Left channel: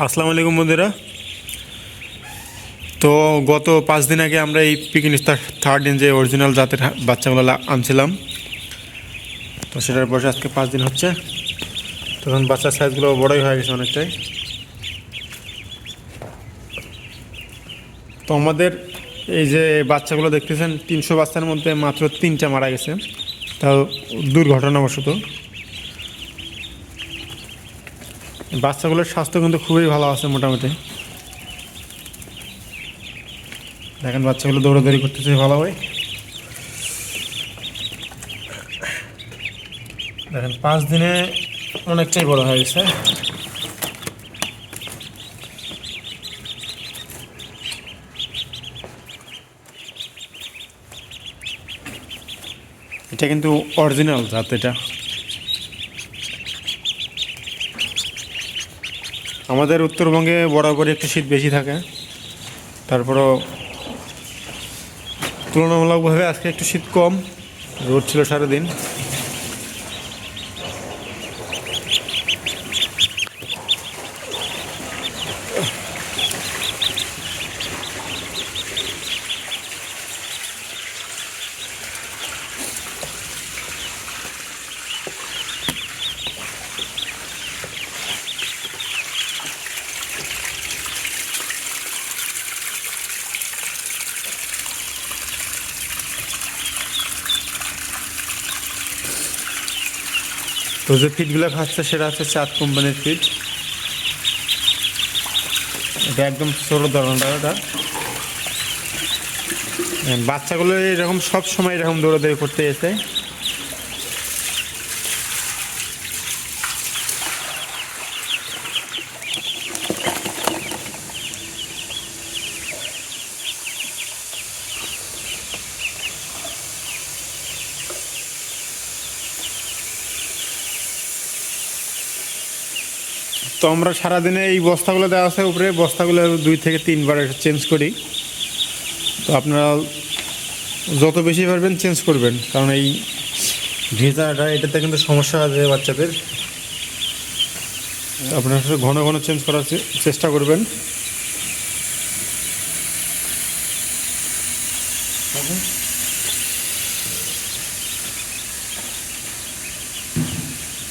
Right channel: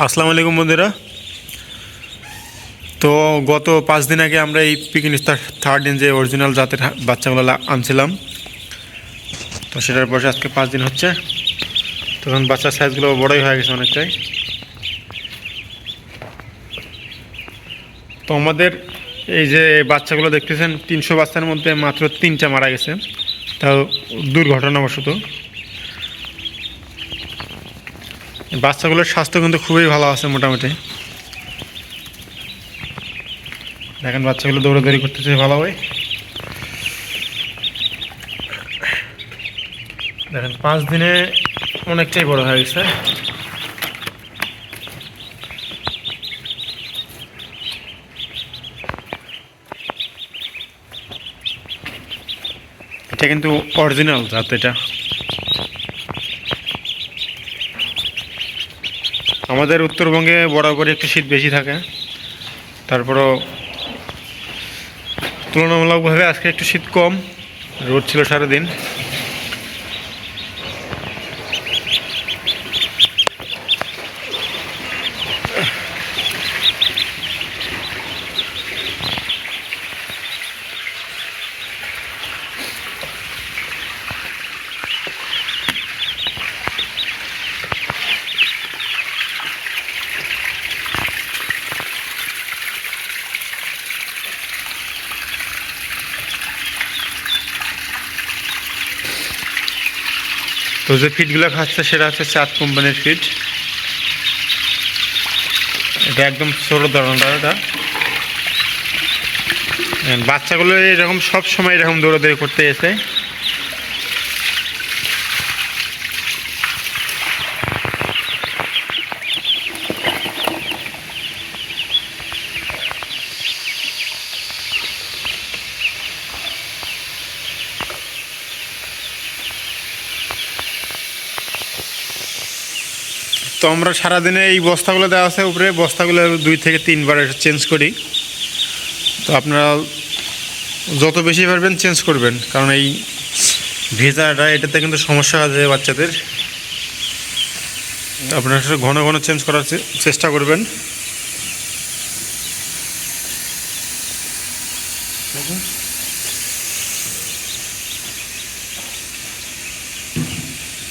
আসসালামু আলাইকুম বন্ধুরা। তো গত 5 দিন আগে আমরা এই পিকিন স্টার থার্ড দিন যে অরিজিনাল জাতের বাচ্চাগুলো আনছিলাম, তো সেটার বয়স আজকে 5 দিন হচ্ছে। তখন বাচ্চার সাইজগুলো বড়ই হয়ে গেছে অনেকটাই। তো আমাদের এই যে বাচ্চাগুলো দেখতেছেন, 300 বাচ্চার মধ্যে মাত্র 3টা মারা গেছে, তাও দুর্ঘটনাবশত। বাচ্চাগুলোর স্বাস্থ্য কিন্তু খুবই ভালো আছে মোটামুটি। দেখেন বাচ্চাগুলো দৌড়াদৌড়ি করতেছে ভালোভাবে। দেখেন 5 দিনে অনেকটাই বড় হয়ে গেছে। এটা কিন্তু অরিজিনাল জাত। এটা আমাদের উত্তরবঙ্গে বরাবরই একটু শীত বেশি থাকে, তারপরও তুলনামূলকভাবে আজকে একটু শীত কম, রোদ ছিল সারাদিন। তো যে ফিডগুলো খাচ্ছে সেটা হচ্ছে চাঁদ কোম্পানির ফিড। এটা একদম ছোটো ধরনটা। এটা বাচ্চাগুলো এরকম সব সময় এরকম দৌড়াদৌড়ি করতে এসে। তো আমরা সারাদিনে এই বস্তাগুলো দেওয়া আছে উপরে, বস্তাগুলো 2 থেকে 3 বার চেঞ্জ করি। তো আপনারা যত বেশি পারবেন চেঞ্জ করবেন, কারণ এই ভেজাটা এটাতে কিন্তু সমস্যা আছে বাচ্চাদের। আপনারা ঘন ঘন চেঞ্জ করার চেষ্টা করবেন।